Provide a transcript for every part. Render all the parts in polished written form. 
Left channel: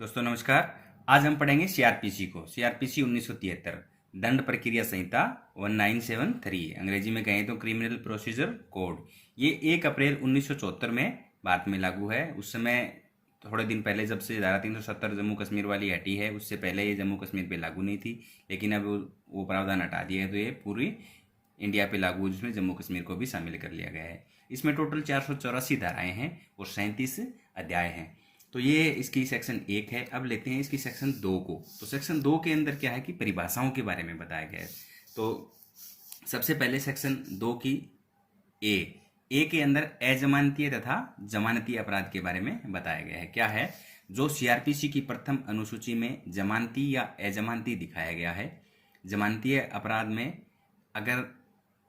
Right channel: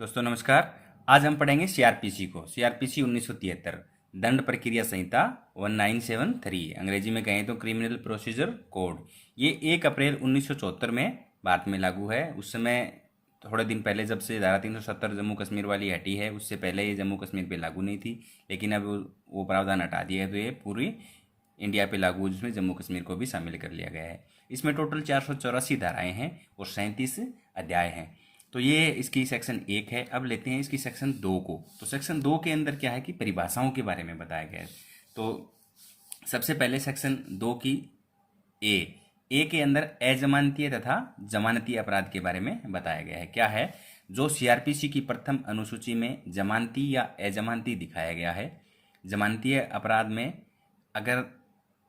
दोस्तों नमस्कार। आज हम पढ़ेंगे सीआरपीसी को। सीआरपीसी 1973 दंड प्रक्रिया संहिता 1973, अंग्रेजी में कहें तो क्रिमिनल प्रोसीजर कोड। ये 1 अप्रैल 1974 में भारत में लागू है। उस समय थोड़े दिन पहले जब से धारा 370 जम्मू कश्मीर वाली हटी है, उससे पहले ये जम्मू कश्मीर पे लागू नहीं थी, लेकिन अब वो प्रावधान हटा दिया है तो ये पूरी इंडिया पे लागू, जिसमें जम्मू कश्मीर को भी शामिल कर लिया गया है। इसमें टोटल 484 धाराएं हैं और 37 अध्याय हैं। तो ये इसकी सेक्शन 1 है। अब लेते हैं इसकी सेक्शन 2 को। तो सेक्शन 2 के अंदर क्या है कि परिभाषाओं के बारे में बताया गया है। तो सबसे पहले सेक्शन 2 की ए के अंदर अजमानतीय तथा जमानती अपराध के बारे में बताया गया है। क्या है? जो सीआरपीसी की प्रथम अनुसूची में जमानती या अजमानती दिखाया गया है। जमानतीय अपराध में अगर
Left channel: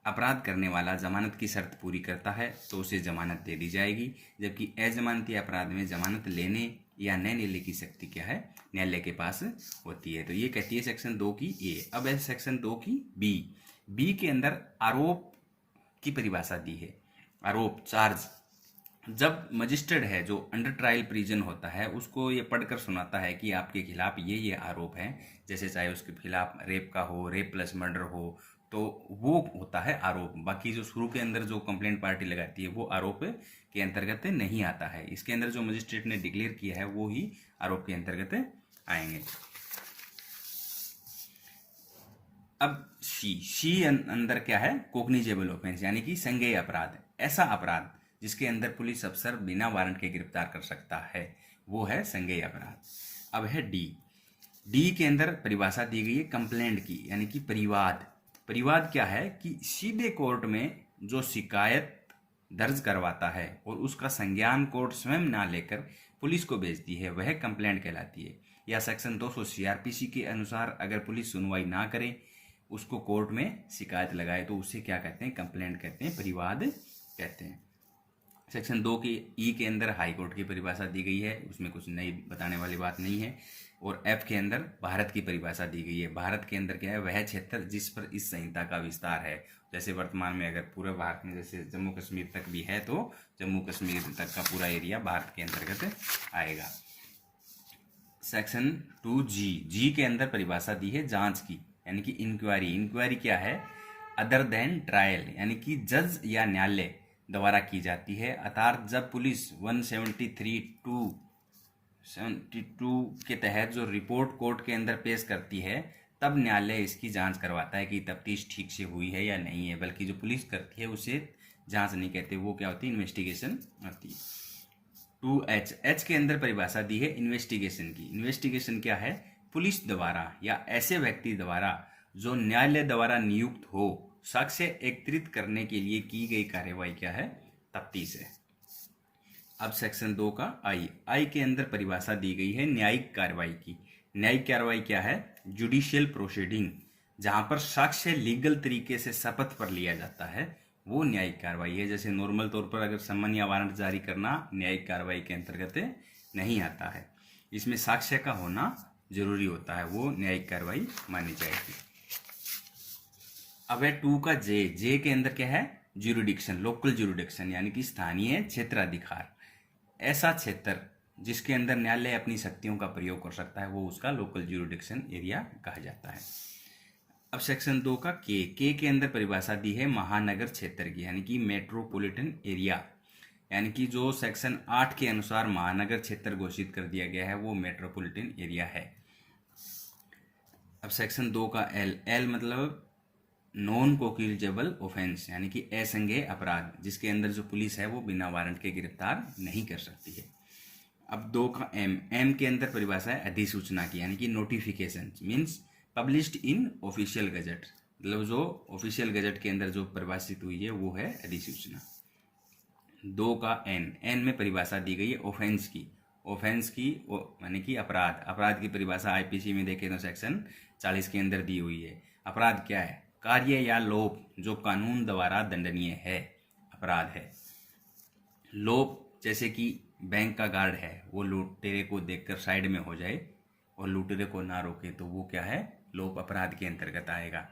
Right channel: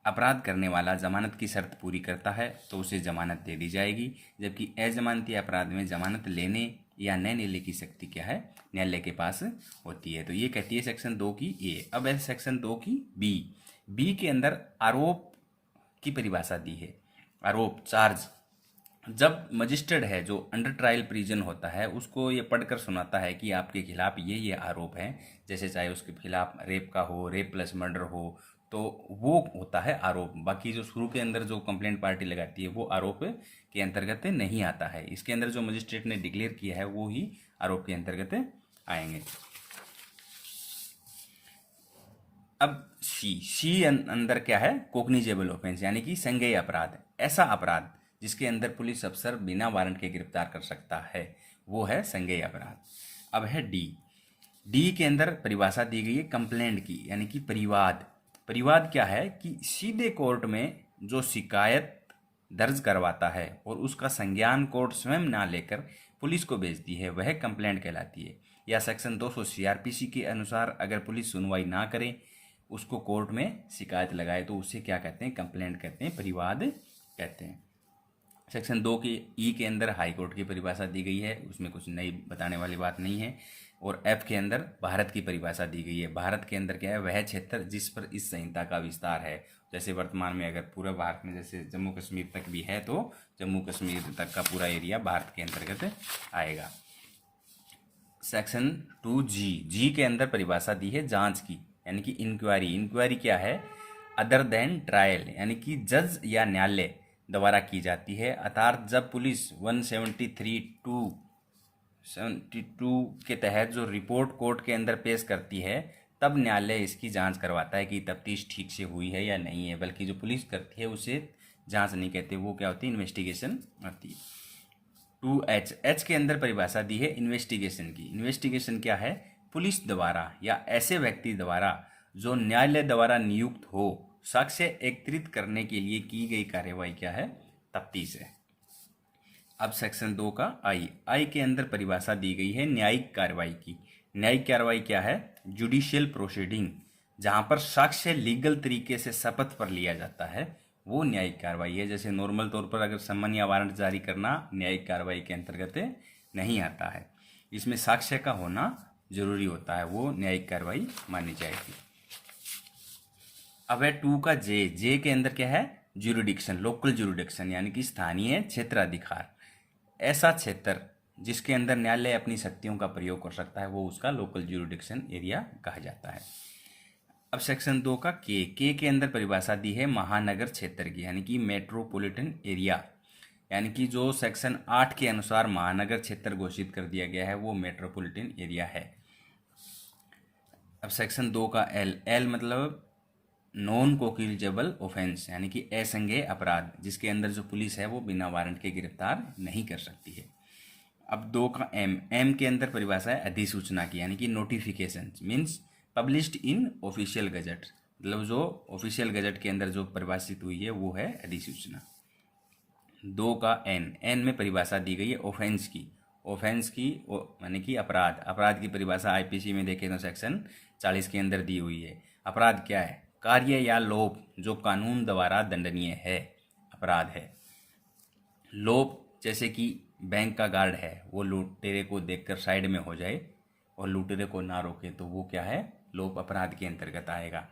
अपराध करने वाला जमानत की शर्त पूरी करता है तो उसे जमानत दे दी जाएगी, जबकि अजमानती अपराध में जमानत लेने या न लेने की शक्ति क्या है? न्यायालय के पास होती है। तो ये कहती है सेक्शन 2 की ए। अब है सेक्शन 2 की बी के अंदर आरोप की परिभाषा दी है। आरोप, चार्ज, जब मजिस्ट्रेट है जो अंडर ट्रायल प्रिजन होता है उसको ये पढ़कर सुनाता है कि आपके खिलाफ ये आरोप हैं, जैसे चाहे उसके खिलाफ रेप का हो, रेप प्लस मर्डर हो, तो वो होता है आरोप। बाकी जो शुरू के अंदर जो कंप्लेंट पार्टी लगाती है वो आरोप के अंतर्गत नहीं आता है। इसके अंदर जो मजिस्ट्रेट ने डिक्लेयर किया है वो ही आरोप के अंतर्गत आएंगे। अब सी अंदर क्या है? कोग्निजेबल ऑफेंस, यानी कि संज्ञेय अपराध। ऐसा अपराध जिसके अंदर पुलिस अफसर बिना वारंट के गिरफ्तार कर सकता है, वो है संज्ञेय अपराध। अब है डी के अंदर परिभाषा दी गई है कंप्लेंट की, यानी कि परिवाद। परिवाद क्या है कि सीधे कोर्ट में जो शिकायत दर्ज करवाता है और उसका संज्ञान कोर्ट स्वयं ना लेकर पुलिस को भेजती है, वह कंप्लेंट कहलाती है। या सेक्शन 200 सीआरपीसी के अनुसार अगर पुलिस सुनवाई ना करे, उसको कोर्ट में शिकायत लगाए, तो उसे क्या कहते हैं? कंप्लेंट कहते हैं, परिवाद कहते हैं। सेक्शन 2 की ई के अंदर हाई कोर्ट की परिभाषा दी गई है, उसमें कुछ नई बताने वाली बात नहीं है। और एफ के अंदर भारत की परिभाषा दी गई है। भारत के अंदर क्या है? वह क्षेत्र जिस पर इस संहिता का विस्तार है। जैसे वर्तमान में अगर पूरे भारत में जैसे जम्मू कश्मीर तक भी है तो जम्मू कश्मीर तक का पूरा एरिया भारत के अंतर्गत आएगा। सेक्शन 2G के अंदर परिभाषा दी है जांच की, यानी कि इंक्वायरी। इंक्वायरी क्या है? अदर देन ट्रायल, यानी कि जज या न्यायालय द्वारा की जाती है। अर्थात जब पुलिस 173(2)72 के तहत जो रिपोर्ट कोर्ट के अंदर पेश करती है, तब न्यायालय इसकी जांच करवाता है कि तफ्तीश ठीक से हुई है या नहीं है। बल्कि जो पुलिस करती है उसे जांच नहीं कहते, वो क्या होती है? इन्वेस्टिगेशन होती है। 2H के अंदर परिभाषा दी है इन्वेस्टिगेशन की। इन्वेस्टिगेशन क्या है? पुलिस द्वारा या ऐसे व्यक्ति द्वारा जो न्यायालय द्वारा नियुक्त हो, साक्ष्य एकत्रित करने के लिए की गई कार्यवाही क्या है? तफ्तीश है। अब सेक्शन 2 का आई के अंदर परिभाषा दी गई है न्यायिक कार्रवाई की। न्यायिक कार्रवाई क्या है? जुडिशियल प्रोसीडिंग, जहां पर साक्ष्य लीगल तरीके से शपथ पर लिया जाता है, वो न्यायिक कार्रवाई है। जैसे नॉर्मल तौर पर अगर सम्मन या वारंट जारी करना न्यायिक कार्रवाई के अंतर्गत नहीं आता है, इसमें साक्ष्य का होना जरूरी होता है, वो न्यायिक कार्रवाई मानी जाएगी। अब है 2 का जे के अंदर क्या है? ज्यूरिडिक्शन, लोकल ज्यूरिडिक्शन, यानी कि स्थानीय क्षेत्राधिकार। ऐसा क्षेत्र जिसके अंदर न्यायालय अपनी शक्तियों का प्रयोग कर सकता है, वो उसका लोकल ज्यूरिडिक्शन एरिया कहा जाता है। अब सेक्शन 2 का के अंदर परिभाषा दी है महानगर क्षेत्र की, यानी कि मेट्रोपॉलिटन एरिया। यानी कि जो सेक्शन 8 के अनुसार महानगर क्षेत्र घोषित कर दिया गया है, वो मेट्रोपॉलिटन एरिया है। अब सेक्शन 2 का एल मतलब नॉन कोक्यूजेबल ऑफेंस, यानी कि असंज्ञेय अपराध, जिसके अंदर जो पुलिस है वो बिना वारंट के गिरफ्तार नहीं कर सकती है। अब 2 का एम के अंदर परिभाषा है अधिसूचना की, यानी कि notification means published in official gazette. मतलब जो ऑफिशियल गजट के अंदर जो परिभाषित हुई है वो है अधिसूचना। 2 का एन में परिभाषा दी गई है ऑफेंस की। ऑफेंस की यानी कि अपराध की परिभाषा आईपीसी में देखें तो सेक्शन 40 के अंदर दी हुई है। अपराध क्या है? कार्य या लोप जो कानून द्वारा दंडनीय है, अपराध है। लोप जैसे कि बैंक का गार्ड है, वो लुटेरे को देखकर साइड में हो जाए और लुटेरे को ना रोके, तो वो क्या है? लोप अपराध के अंतर्गत आएगा।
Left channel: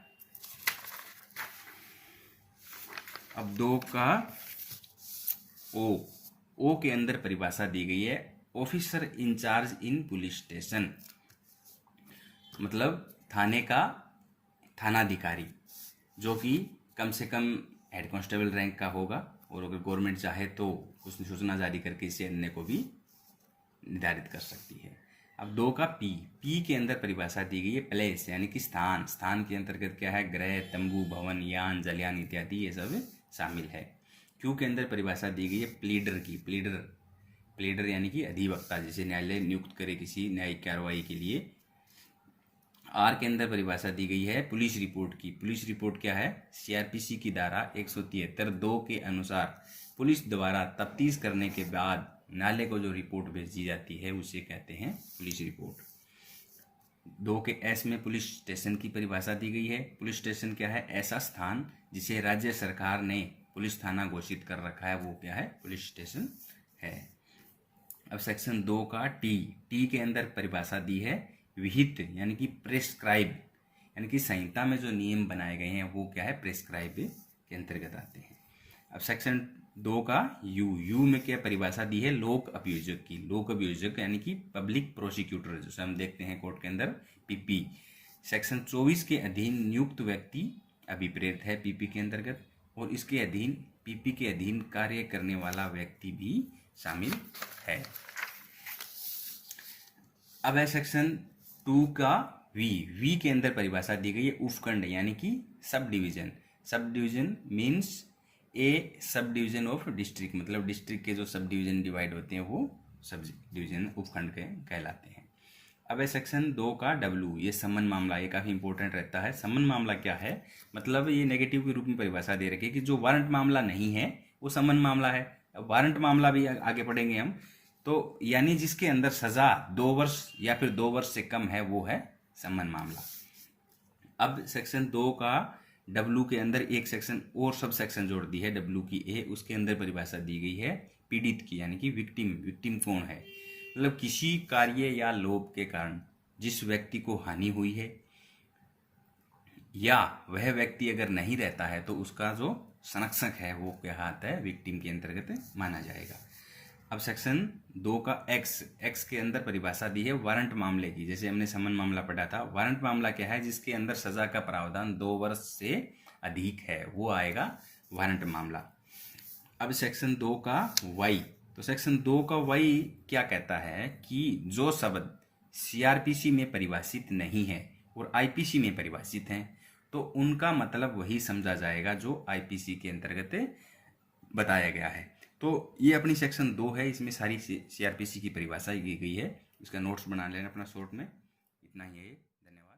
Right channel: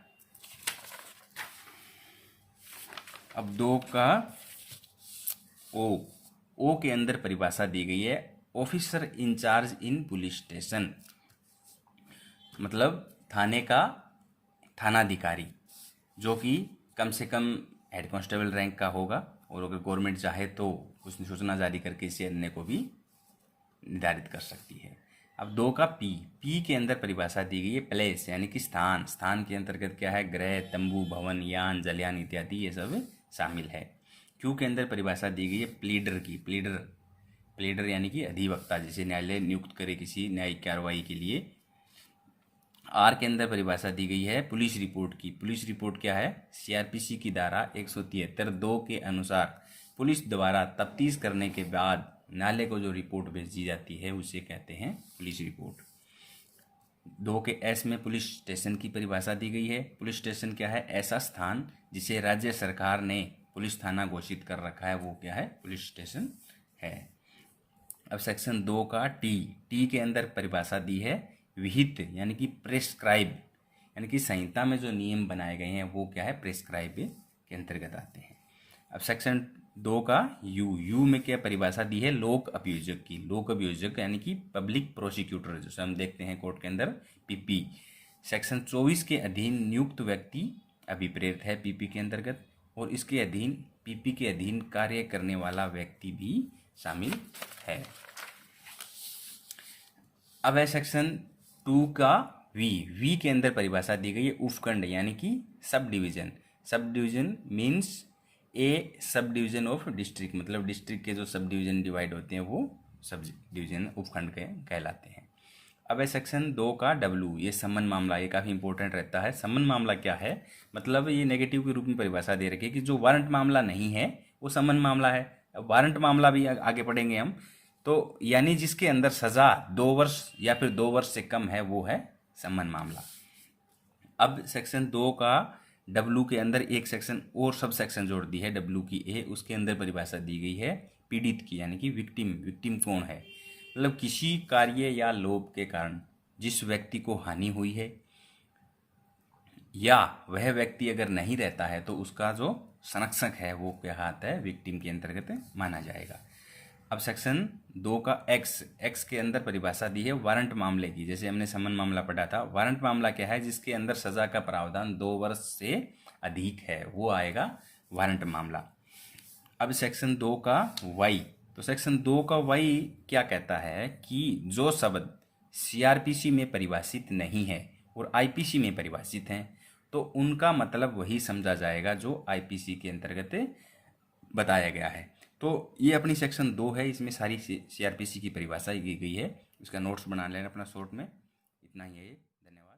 अब 2 का ओ के अंदर परिभाषा दी गई है ऑफिसर इंचार्ज इन पुलिस स्टेशन, मतलब थाने का थानाधिकारी जो कि कम से कम हेड कांस्टेबल रैंक का होगा, और अगर गवर्नमेंट चाहे तो कुछ सूचना जारी करके इसे अन्य को भी निर्धारित कर सकती है। अब 2 का पी के अंदर परिभाषा दी गई है प्लेस यानी कि स्थान। स्थान के अंतर्गत क्या है, ग्रह, तंबू, भवन, यान, जलयान इत्यादि ये सब शामिल है। क्यू के अंदर परिभाषा दी गई है प्लीडर की। प्लीडर यानी कि अधिवक्ता, जिसे न्यायालय नियुक्त करे किसी न्यायिक कार्रवाई के लिए। आर के अंदर परिभाषा दी गई है पुलिस रिपोर्ट की। पुलिस रिपोर्ट क्या है, सीआरपीसी की धारा 173(2) के अनुसार पुलिस द्वारा तफ्तीश करने के बाद न्यायालय को जो रिपोर्ट भेजी जाती है उसे कहते हैं पुलिस रिपोर्ट। 2 के एस में पुलिस स्टेशन की परिभाषा दी गई है। पुलिस स्टेशन क्या है, ऐसा स्थान जिसे राज्य सरकार ने पुलिस थाना घोषित कर रखा है, वो क्या है, पुलिस स्टेशन है। अब सेक्शन 2 का टी के अंदर परिभाषा दी है विहित यानी कि प्रेस्क्राइब, यानी कि संहिता में जो नियम बनाए गए हैं वो क्या है, प्रेस्क्राइब के अंतर्गत आते हैं। अब सेक्शन 2 का यू में क्या परिभाषा दी है, लोक अभियोजक की। लोक अभियोजक यानी कि पब्लिक प्रोसिक्यूटर, जैसे हम देखते हैं कोर्ट के अंदर पीपी। सेक्शन 24 के अधीन नियुक्त व्यक्ति अभिप्रेत है पीपी के अंतर्गत, और इसके अधीन पीपी के अधीन कार्य करने वाला व्यक्ति भी शामिल है। अब है सेक्शन 2 का वी के अंदर परिभाषा दी गई है उपखंड यानी कि sub division. Sub division means A sub division of district, मतलब डिस्ट्रिक्ट के जो सब डिवीजन डिवाइड होते हैं वो सब डिवीजन उपखंड के कहलाते हैं। अब है सेक्शन 2 का डब्ल्यू, ये सम्मन मामला, ये काफ़ी इंपॉर्टेंट रहता है। सम्मन मामला क्या है, मतलब ये नेगेटिव के रूप में परिभाषा दे रखी है कि जो वारंट मामला नहीं है वो सम्मन मामला है। अब वारंट मामला भी आगे पढ़ेंगे हम, तो यानी जिसके अंदर सजा 2 वर्ष या फिर 2 वर्ष से कम है वो है सम्मन मामला। अब सेक्शन 2 का डब्ल्यू के अंदर एक सेक्शन और सब सेक्शन जोड़ दी है डब्ल्यू की ए, उसके अंदर परिभाषा दी गई है पीड़ित की यानी कि विक्टिम कौन है, मतलब किसी कार्य या लोभ के कारण जिस व्यक्ति को हानि हुई है या वह व्यक्ति अगर नहीं रहता है तो उसका जो संरक्षक है वो क्या आता है, विक्टिम के अंतर्गत माना जाएगा। अब सेक्शन 2 का एक्स के अंदर परिभाषा दी है वारंट मामले की। जैसे हमने समन मामला पढ़ा था, वारंट मामला क्या है, जिसके अंदर सजा का प्रावधान 2 वर्ष से अधिक है वो आएगा वारंट मामला। अब सेक्शन 2 का वाई, तो सेक्शन 2 का वाई क्या कहता है कि जो शब्द सीआरपीसी में परिभाषित नहीं है और आईपीसी में परिभाषित हैं तो उनका मतलब वही समझा जाएगा जो आईपीसी के अंतर्गत बताया गया है। तो ये अपनी सेक्शन 2 है, इसमें सारी सीआरपीसी की परिभाषा की गई है। इसका नोट्स बना लेना अपना शॉर्ट में। इतना ही है, धन्यवाद।